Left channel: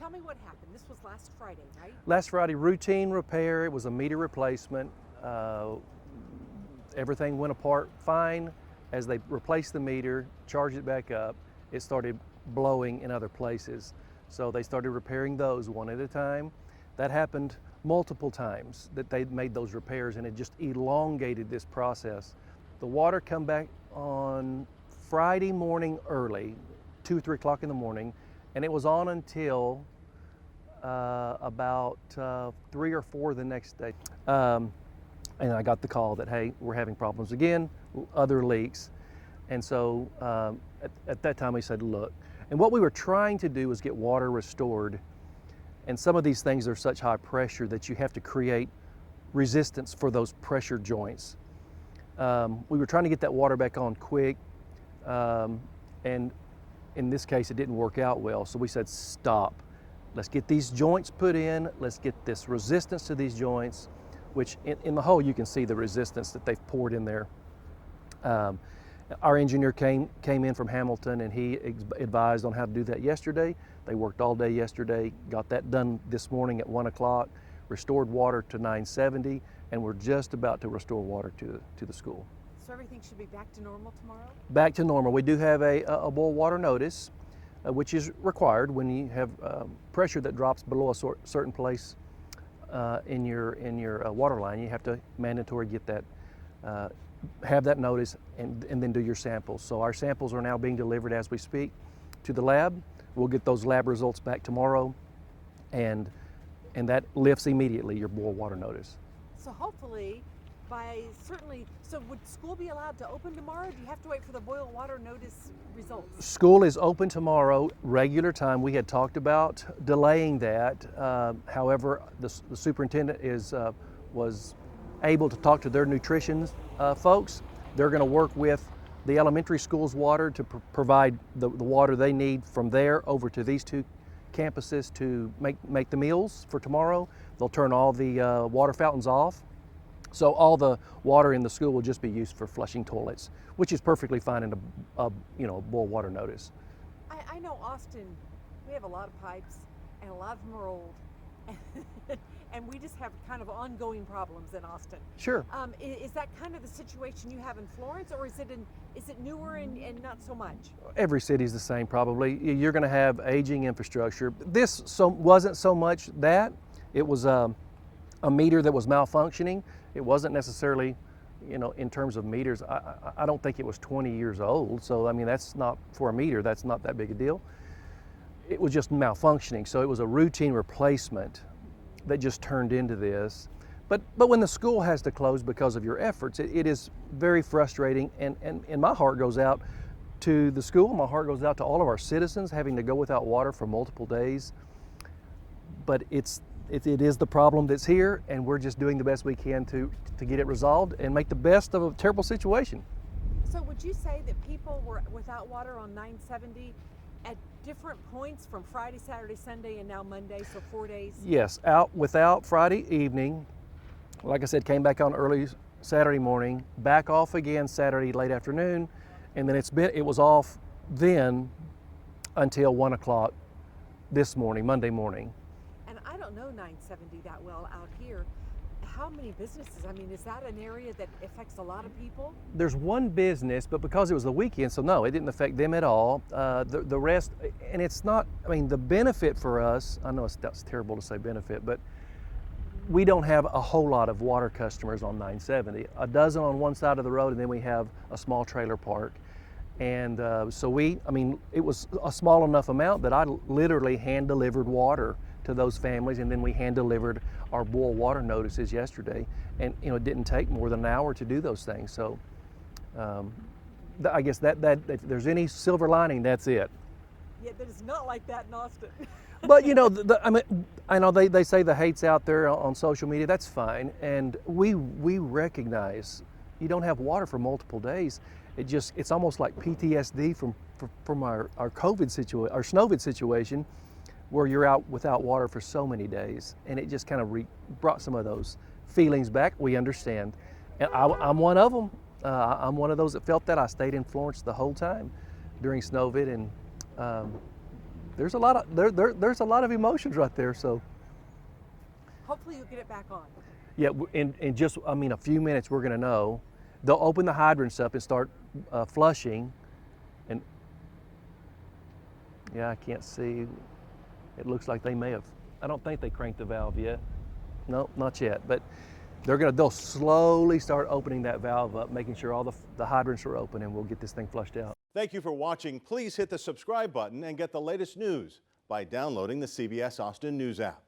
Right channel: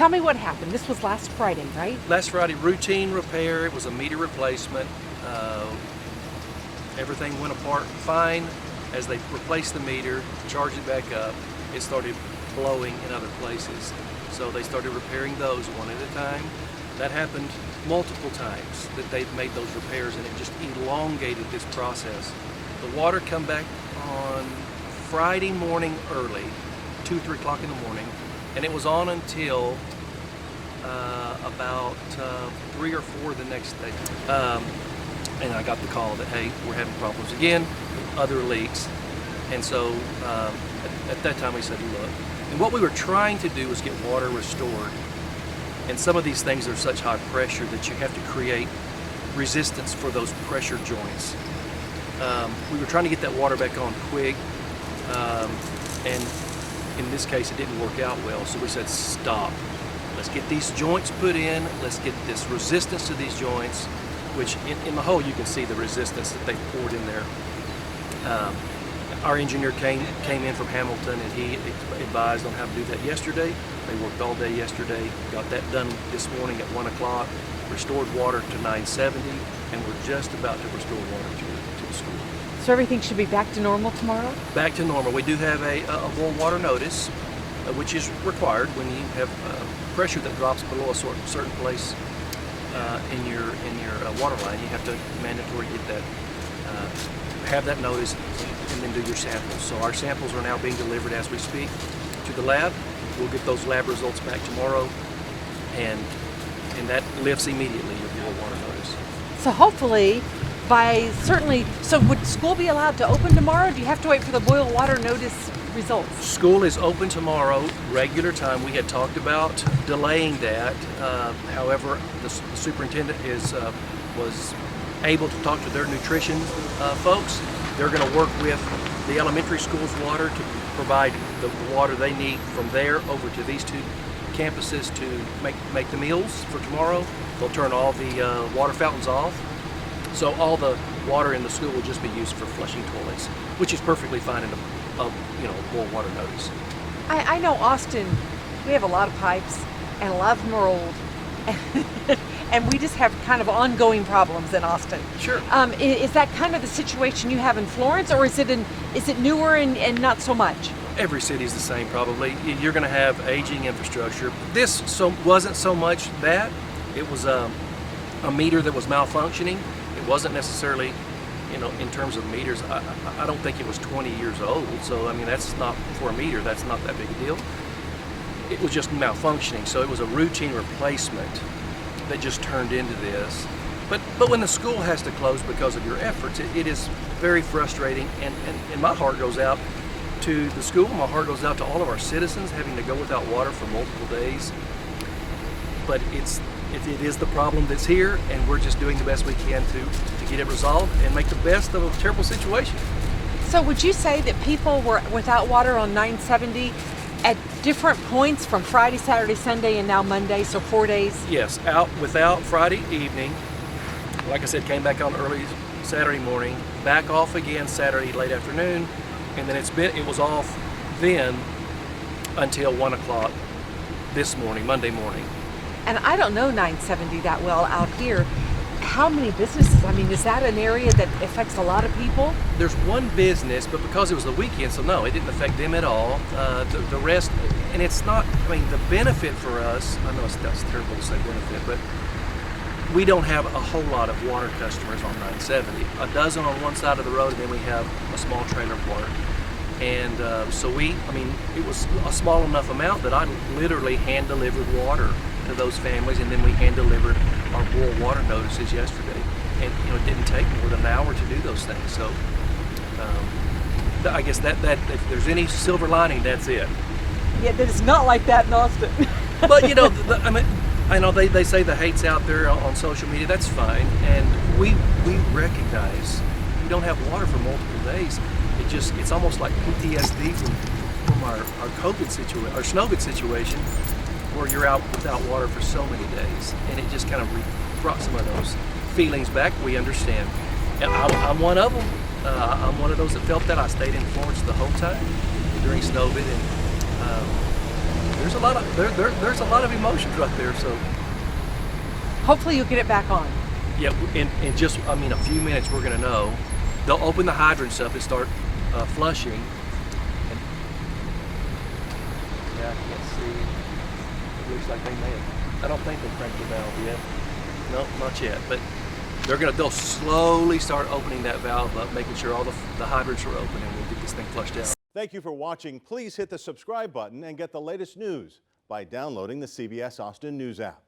tell me what happened. This was last Friday, right? Last Friday, routine repair. It was a meter replacement. Everything went apart fine. As they replaced the meter, charged it back up, it started blowing in other places. So they started repairing those one at a time. That happened multiple times that they've made those repairs, and it just elongated this process. The water come back on Friday morning early, 2, 3 o'clock in the morning, and it was on until about 3 or 4 the next day. And I got the call that, hey, we're having problems again with other leaks. And so at that time we said, look, and what we were trying to do was get water restored. And some of these things are such high pressure that you have to create resistance for those pressure joints. We were trying to get that water back on quick, and in this case it didn't work out well, so we said stop. Let's get these joints put in, let's get this resistance to these joints, which in the hole you can see the resistance that they poured in there. Our engineer came in from Hamilton, and he advised on how to do that yesterday. They worked all day yesterday, got that done this morning at 1 o'clock, restored water to 970, and we're just about to restore water to the school. So everything should be back to normal tomorrow? Back to normal. We do have a boil water notice, which is required when you have pressure that drops below a certain place in your water line. You have to mandatory get that, have that notice, and then do your samples. So our samples are now being delivered as we speak to the lab. We'll get those lab results back tomorrow, and that lifts immediately your boil water notice. So hopefully, so would school be allowed to open tomorrow? Do you have to wait for the boil water notice results? School is open tomorrow, regular time. We had talked about delaying that. However, the superintendent was able to talk to their nutrition folks. They're going to work with the elementary school's water to provide the water they need from there over to these 2 campuses to make the meals for tomorrow. They'll turn all the water fountains off. So all the water in the school will just be used for flushing toilets, which is perfectly fine in a boil water notice. I know Austin, we have a lot of pipes, and a lot of them are old. And we just have kind of ongoing problems in Austin. Sure. Is that kind of the situation you have in Florence, or is it newer and not so much? Every city's the same probably. You're going to have aging infrastructure. This wasn't so much that. It was a meter that was malfunctioning. It wasn't necessarily, in terms of meters, I don't think it was 20 years old. So, I mean, that's not, for a meter, that's not that big a deal. It was just malfunctioning. So it was a routine replacement that just turned into this. But when the school has to close because of your efforts, it is very frustrating. And my heart goes out to the school. My heart goes out to all of our citizens having to go without water for multiple days. But it is the problem that's here, and we're just doing the best we can to get it resolved and make the best of a terrible situation. So would you say that people were without water on 970 at different points from Friday, Saturday, Sunday, and now Monday, so 4 days? Yes, out without Friday evening. Like I said, came back on early Saturday morning, back off again Saturday late afternoon, and then it was off then until 1 o'clock this morning, Monday morning. And I don't know 970 that well out here. How many businesses? I mean, is that an area that affects a lot of people? There's one business, but because it was the weekend, so no, it didn't affect them at all. The rest, and it's not, I mean, the benefit for us, I know that's terrible to say benefit, but we don't have a whole lot of water customers on 970. A dozen on one side of the road, and then we have a small trailer park. And so it was a small enough amount that I literally hand-delivered water to those families, and then we hand-delivered our boil water notices yesterday. And, it didn't take more than an hour to do those things. So I guess that if there's any silver lining, that's it. Yeah, that is not like that in Austin. But, I know they say the hate's out there on social media. That's fine. And we recognize we don't have water for multiple days. It's almost like PTSD from our COVID situation, our Snowvid situation, where you're out without water for so many days, and it just kind of brought some of those feelings back. We understand. And I'm one of them. I'm one of those that felt that. I stayed in Florence the whole time during Snowvid, and There's a lot of there's a lot of emotions right there. So Hopefully you'll get it back on. yeah, in just a few minutes we're gonna know. They'll open the hydrants up and start flushing. And yeah, I can't see. It looks like they may have. I don't think they cranked the valve yet. No, not yet. But they'll slowly start opening that valve up, making sure all the hydrants are open, and we'll get this thing flushed out. Thank you for watching. Please hit the subscribe button and get the latest news by downloading the CBS Austin News app.